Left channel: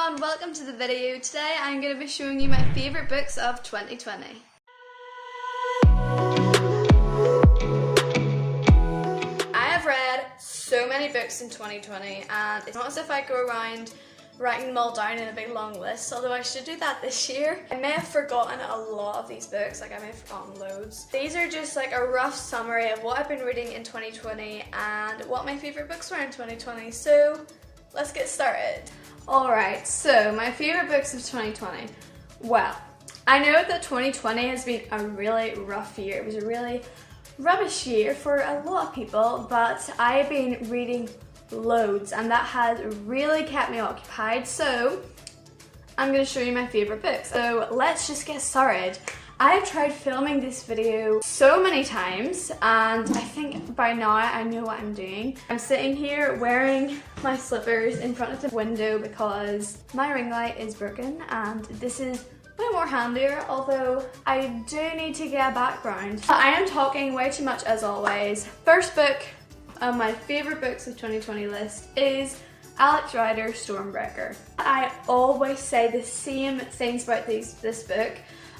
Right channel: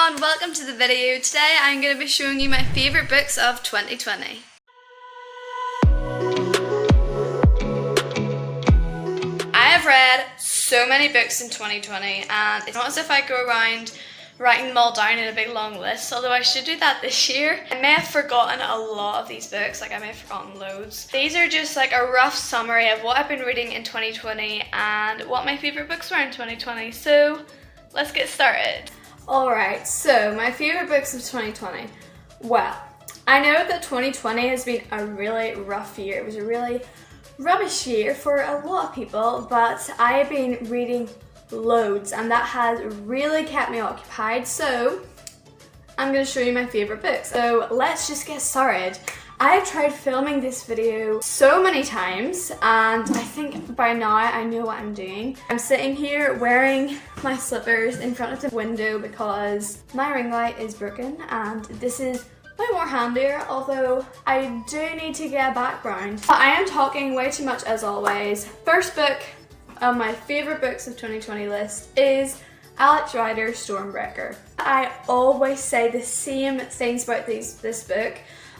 everyone, welcome to the video. Today I'm going to be showing you my favourite books of 2020. I have read so many books in 2020 and it's not as if I go around writing them all down in a big long list, although I should do that this year. I may have forgotten a lot of these books, like I may have forgotten loads. These are just like a rough summary of what I've been reading in 2020 and what my favourite books were in 2020, so let's get started. Alright, so my favourite books of 2020. Well, I know that 2020 has been a really rough year. It was a really rubbish year for a lot of people, but I have been reading loads and that has really kept me occupied, so I'm going to show you my favourite books. So let's just get started. I have tried filming this video so many times and I think by now I know what I'm doing. I'm sitting here wearing my slippers in front of the window because my ring light is broken and this is way more handier, although I do need to get a background. But I am talking way too much as always. First book of my favourite books of 2020 list is Ryder's Stormbrecker. I always say the same things about this book.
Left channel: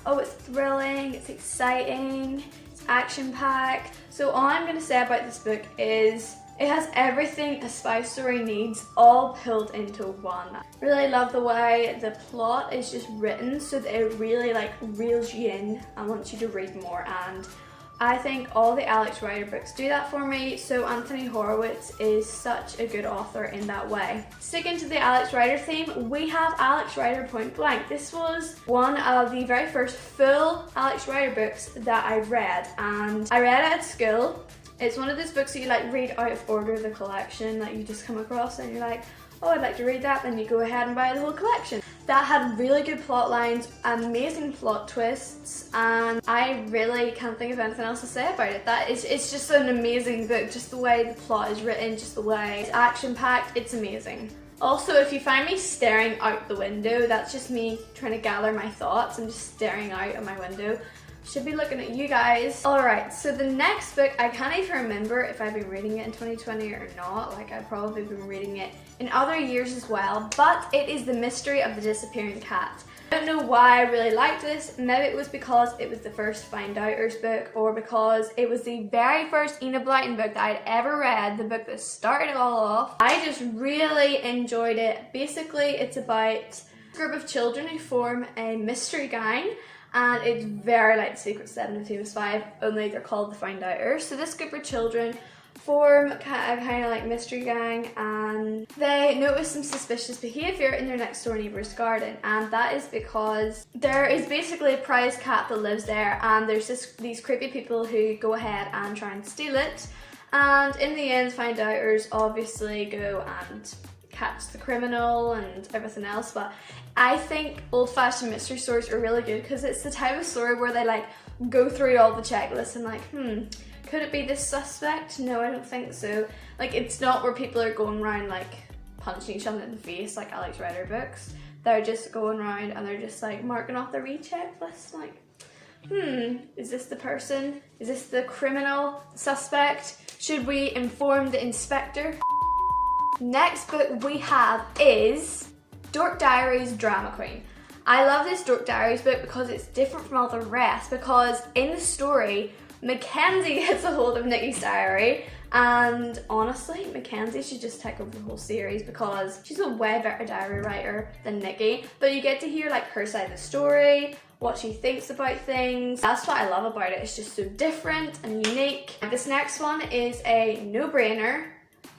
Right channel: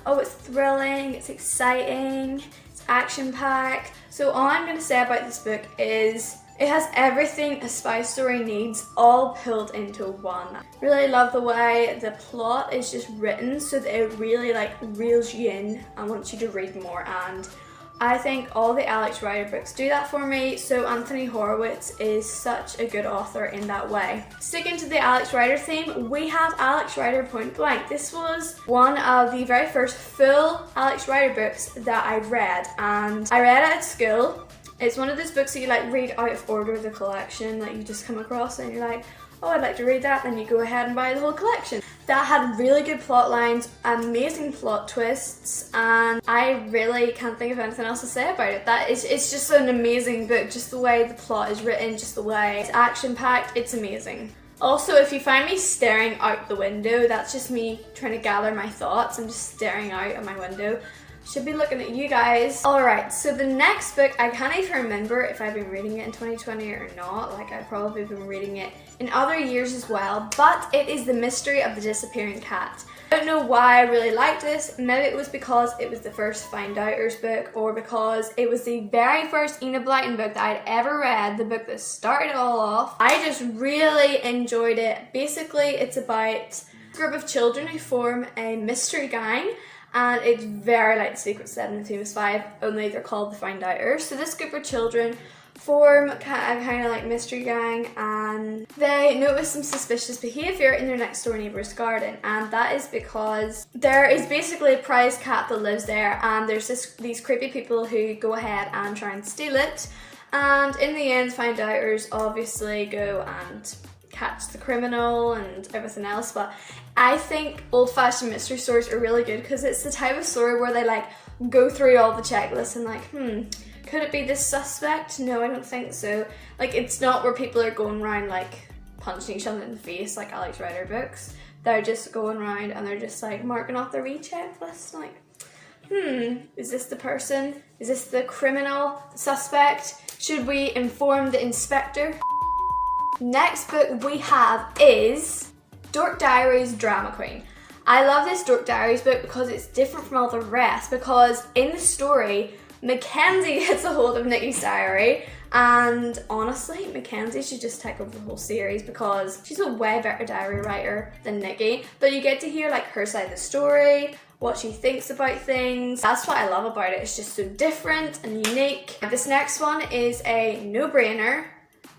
Oh, it's thrilling, it's exciting, it's action-packed. So all I'm going to say about this book is it has everything a spy story needs all pulled into one. Really love the way the plot is just written so that it really like reels you in and wants you to read more, and I think all the Ryder books do that for me, so Anthony Horowitz is such a good author in that way. Sticking to the Ryder theme, we have Ryder Point Blank. This was one of the very first full Ryder books that I read, and I read it at school. It's one of those books that you like read out of order of the collection, like you just come across and you're like, oh, I'd like to read that, and you go ahead and buy the whole collection. That had really good plot lines, amazing plot twists, and I really can't think of anything else to say about it. It's just an amazing book, just the way the plot is written, just the way it's action-packed, it's amazing. Also, if you find me staring out the window, that's just me trying to gather my thoughts. I'm just staring out at my window. Should be looking at you guys. Alright, so the next book, I can't even remember if I've been reading it in 2020 or not. Like, I've probably been reading it in other years as well, but it is The Mystery of the Disappearing Cat. I don't know why I really liked this. Maybe it was because it was the first Find Outers book, or because it was the very first Enid Blyton book that I'd ever read, the book that started it all off. I just really enjoyed it. Basically, it's about a group of children who form a mystery gang, and it's very like The Secret Seven and Famous Five, only they're called the Find Outers. So this group of children form a kind of like mystery gang, and they notice some suspicious behaviour in their next door neighbour's garden, and that is because there is basically a prize cat that lives there, and there's these creepy people who go ahead and try and steal it, and in the end Find Outers obviously go and catch the criminal and everything else. But I think old-fashioned mystery stories are really good because it's the type of story where they like go through all the checklists and like, could it be this suspect? No, I don't think so. Like, it's not where people are going around like punching each other in the face like Ryder books. They're just going around and they're just like marking off their checklist, like, is this the person? Is this the criminal suspect? Should we inform the inspector? Next book we have is Diaries Drama Queen. I love this Diaries book because it's different from all the rest, because in the story Mackenzie gets a hold of Nikki's diary, and honestly Mackenzie should just take over the whole series because she's a way better diary writer than Nikki. But you get to hear like her side of the story, what she thinks about things. That's what I love about it. It's just so different and unique. This next one is a no-brainer.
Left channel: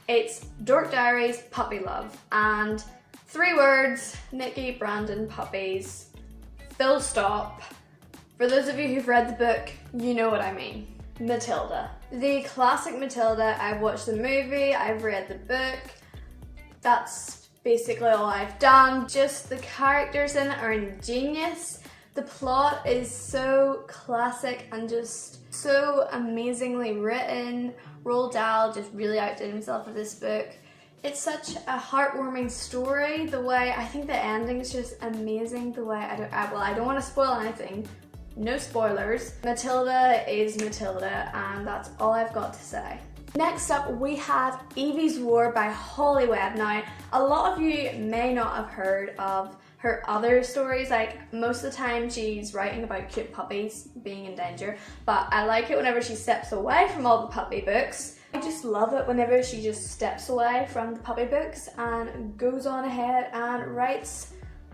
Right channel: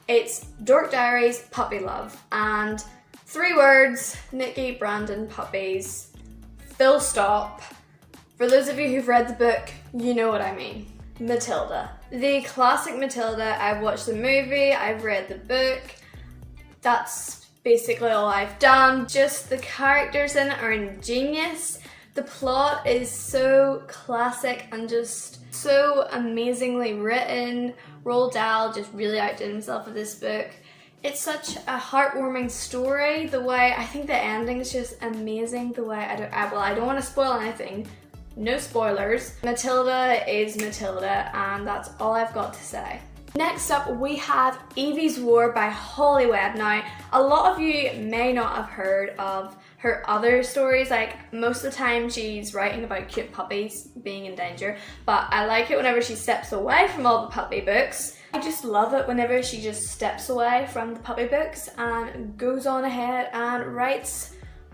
It's Diaries Puppy Love, and 3 words: Nikki, Brandon, puppies, full stop. For those of you who've read the book, you know what I mean. Matilda. The classic Matilda. I've watched the movie, I've read the book. That's basically all I've done. Just the characters in it are ingenious. The plot is so classic and just so amazingly written. Roald Dahl just really outdid himself with this book. It's such a heartwarming story. The way, I think the ending is just amazing. The way, I don't want to spoil anything. No spoilers. Matilda is Matilda, and that's all I've got to say. Next up, we have Evie's War by Hollyweb. Now, a lot of you may not have heard of her other stories. Like, most of the time she's writing about cute puppies being in danger, but I like it whenever she steps away from all the puppy books. I just love it whenever she just steps away from the puppy books and goes on ahead and writes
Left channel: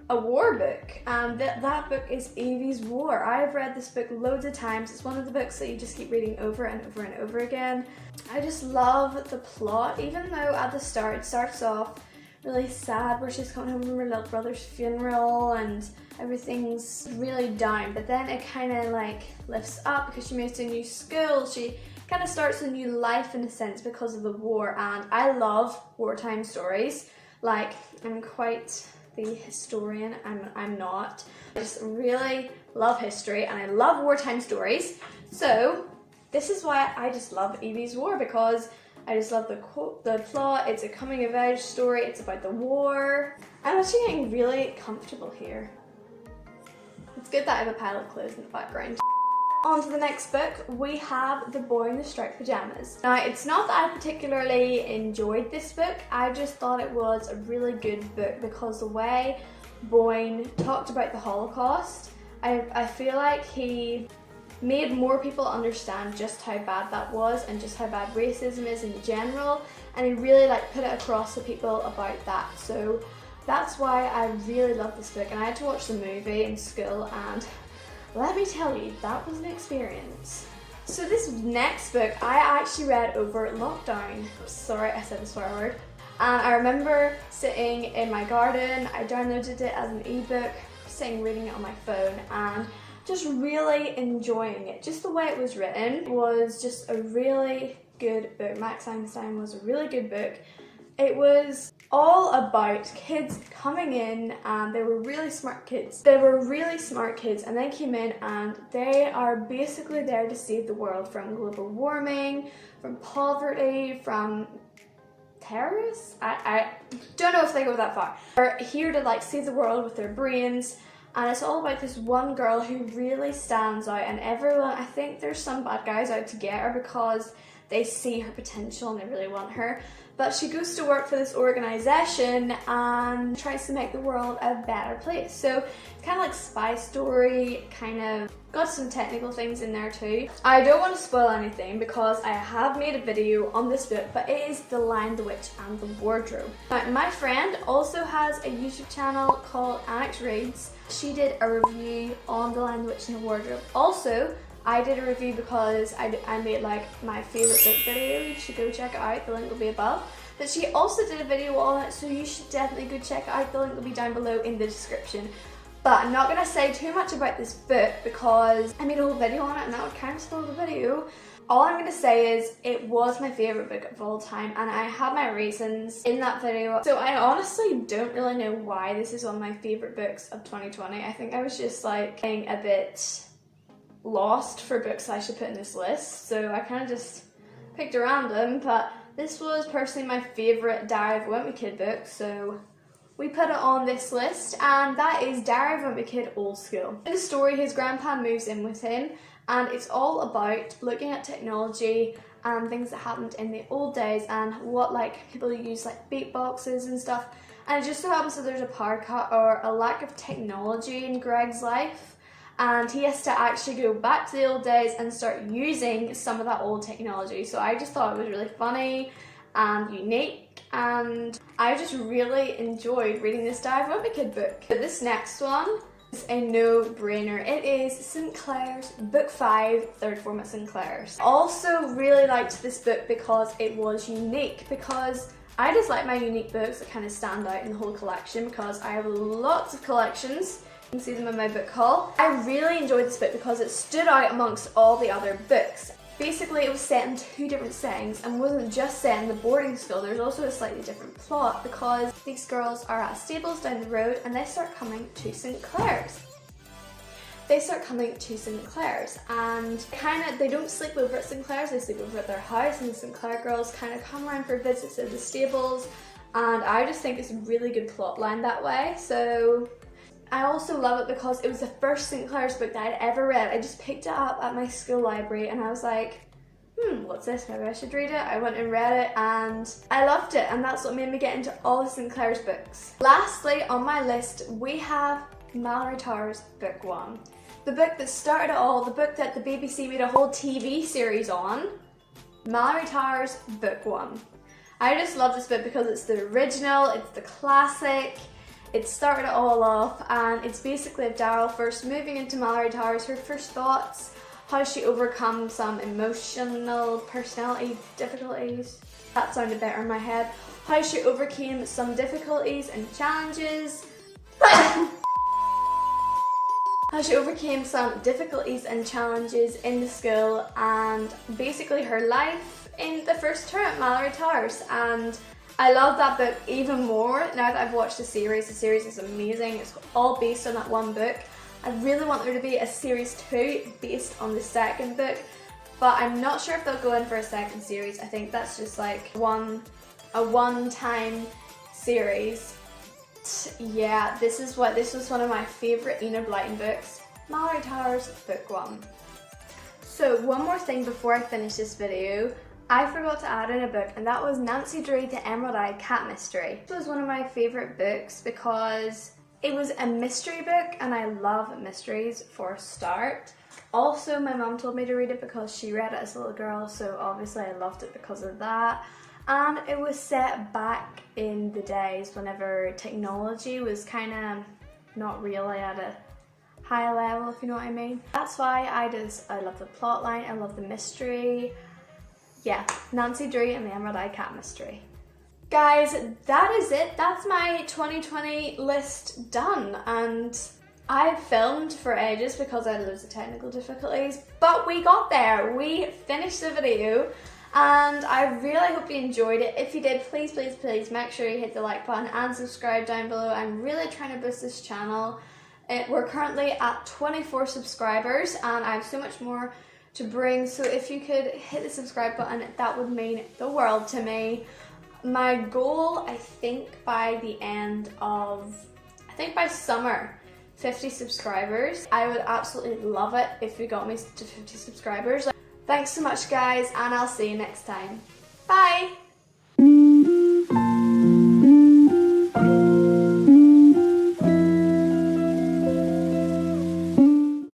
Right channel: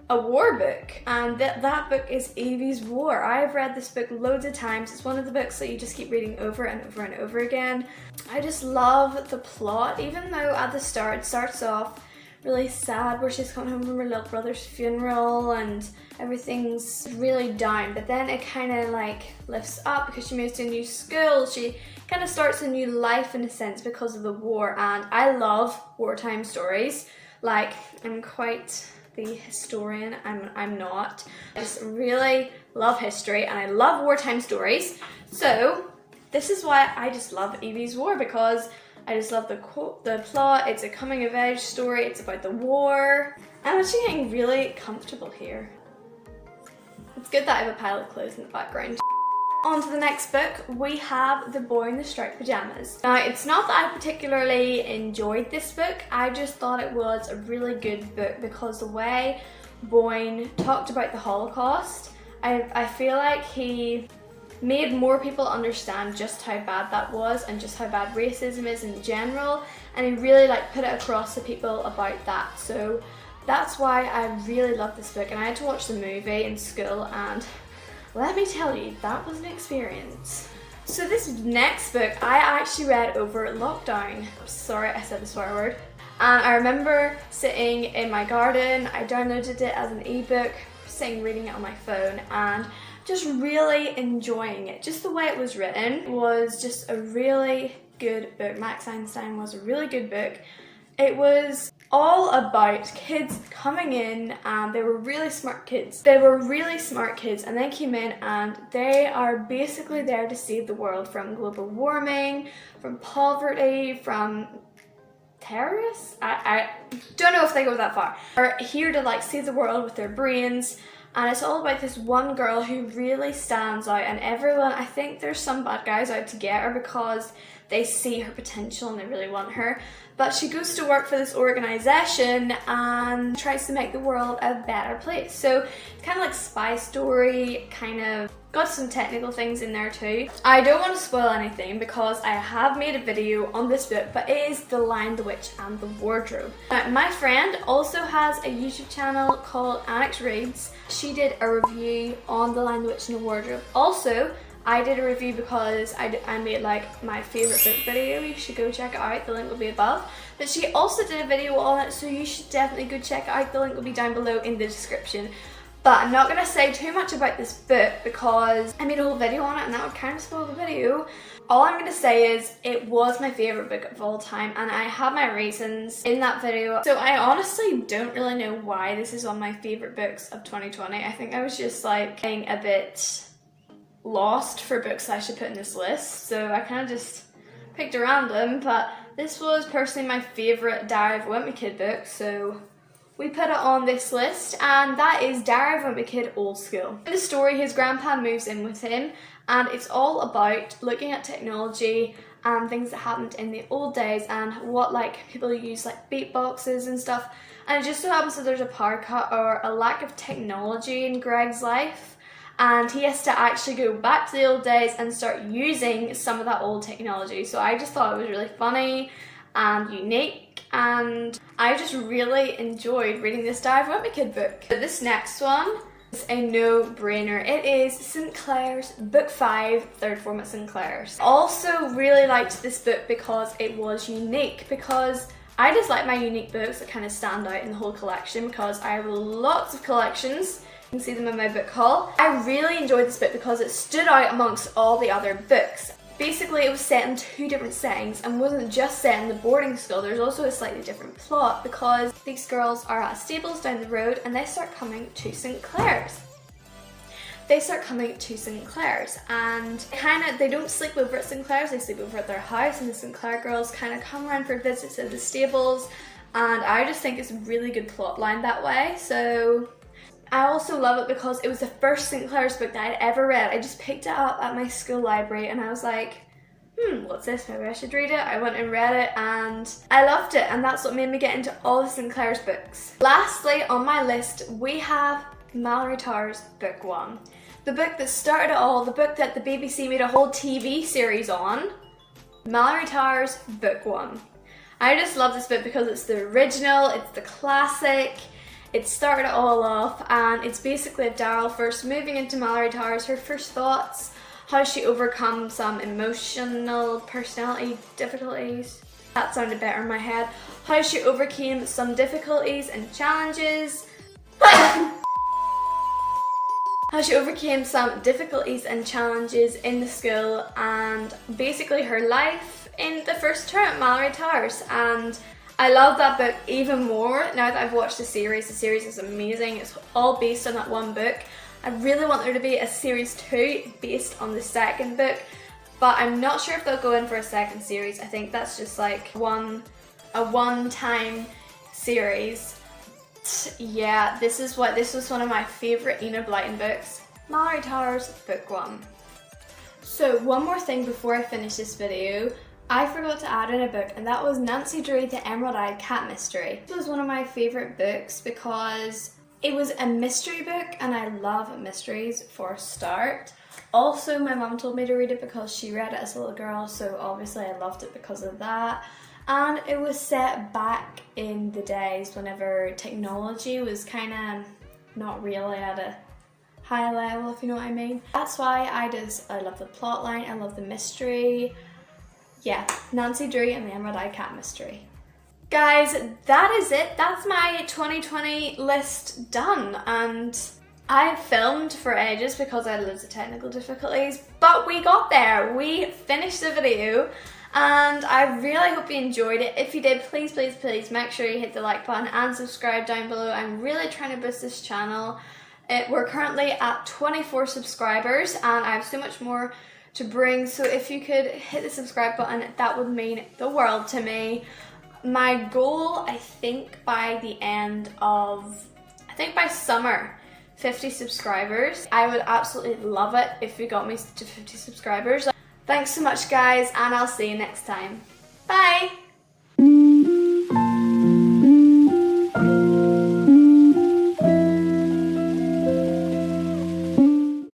a war book, and that book is Evie's War. I've read this book loads of times. It's one of the books that you just keep reading over and over and over again. I just love the plot, even though at the start it starts off really sad where she's coming home from her little brother's funeral and everything's really down, but then it kind of like lifts up because she moves to a new school. She kind of starts a new life in a sense because of the war, and I love wartime stories. Like, I'm quite the historian, I'm not. I just really love history and I love wartime stories. So this is why I just love Evie's War, because I just love the plot. It's a coming of age story. It's about the war. I'm actually getting really comfortable here. It's good that I have a pile of clothes in the background. On to the next book, we have The Boy in the Striped Pajamas. Now, it's not that I particularly enjoyed this book, I just thought it was a really good book because the way Boyne talked about the Holocaust, I feel like he made more people understand just how bad that was and just how bad racism is in general, and he really like put it across to people about that. So that's why I really love this book, and I had to watch the movie in school, and let me tell you, that was an experience. So this next book I actually read over lockdown. Sorry, I said the swear word. And I remember sitting in my garden, I downloaded it as an ebook, sitting reading it on my phone, and just really enjoying it. Just the way it was written was just a really good book. Max Einstein was a really good book. It was all about kids coming in, and they were really smart kids. They were really smart kids, and they came in and they are basically there to save the world from global warming, from poverty, from terrorists? I don't know if they go that far. They're here to like save the world with their brains, and it's all about this one girl who really stands out, and everyone, I think there's some bad guys out to get her because they see her potential and they really want her. But she goes to work for this organization and tries to make the world a better place. So it's kind of like spy story, kind of got some technical things in there too. I don't want to spoil anything because I have made a video on this book, but it is The Lion, the Witch and the Wardrobe. Now, my friend also has a YouTube channel called Annex Reads. She did a review on The Lion, the Witch and the Wardrobe. Also, I did a review because I made like my favorite book video. You should go check it out, the link will be above. But she also did a video on it, so you should definitely go check it out. The link will be down below in the description. But I'm not going to say too much about this book because I made a whole video on it and that would kind of spoil the video. All I'm going to say is it was my favourite book of all time, and I have my reasons in that video. So I honestly don't really know why this is one of my favourite books of 2020. I think I was just like getting a bit lost for books I should put in this list, so I kind of just picked a random, but this was personally my favourite Diary of a Wimpy Kid book, so we put it on this list, and that is Diary of a Wimpy Kid Old School. In the story, his grandpa moves in with him, and it's all about looking at technology and things that happened in the old days and what like people use like beatboxes and stuff, and it just so happens that there's a power cut or a lack of technology in Greg's life, and he has to actually go back to the old days and start using some of that old technology. So I just thought it was really funny and unique, and I just really enjoyed reading this Diary of a Wimpy Kid book. This next one is a no-brainer. It is Sinclair's Book 5, Third Form at Sinclair's. I also really liked this book because it was unique, because I just like my unique books that kind of stand out in the whole collection, because I have lots of collections. You can see them in my book haul. I really enjoyed this book because it stood out amongst all the other books. Basically, it was set in 2 different settings and wasn't just set in the boarding school. There's also a slightly different plot because these girls are at stables down the road and they start coming to Sinclair's. And they don't sleep over at Sinclair's, they sleep over at their house, and the Sinclair girls kind of come around for visits to the stables, and I just think it's a really good plot line that way. So I also love it because it was the first Sinclair's book that I'd ever read. I just picked it up at my school library and I was like, what's this? Maybe I should read it. I went and read it and I loved it, and that's what made me get into all of Sinclair's books. Lastly on my list, we have Mallory Towers Book 1. The book that started it all, the book that the BBC made a whole TV series on. Mallory Towers Book 1. I just love this book because it's the original, it's the classic, it started it all off, and it's basically Daryl first moving into Mallory Towers, her first thoughts, how she overcomes some emotional personality difficulties. That sounded better in my head. How she overcame some difficulties and challenges. How she overcame some difficulties and challenges in the school, and basically her life in the first term at Mallory Towers. And I love that book even more now that I've watched the series. The series is amazing. It's all based on that one book. I really want there to be a series 2 based on the second book, but I'm not sure if they'll go in for a second series. I think that's just like a one-time series. Yeah, this was one of my favourite Enid Blyton books, Mallory Towers Book 1. So one more thing before I finish this video, I forgot to add in a book, and that was Nancy Drew, The Emerald Eyed Cat Mystery. This was one of my favourite books because it was a mystery book, and I love mysteries for a start. Also, my mum told me to read it because she read it as a little girl, so obviously I loved it because of that. And it was set back in the days whenever technology was kind of not really at a high level, if you know what I mean. That's why I love the plot line, I love the mystery. Yeah, Nancy Drew and the Emerald Eye Cat Mystery. Guys, that is it. That's my 2020 list done, and I filmed for ages because I had loads of technical difficulties, but we got there. We finished the video, and I really hope you enjoyed it. If you did, please, please, please make sure you hit the like button and subscribe down below. I'm really trying to boost this channel. We're currently at 24 subscribers, and I have so much more to bring, so if you could hit the subscribe button, that would mean the world to me. My goal, I think by summer, 50 subscribers. I would absolutely love it if you got me to 50 subscribers. Thanks so much guys, and I'll see you next time. Bye!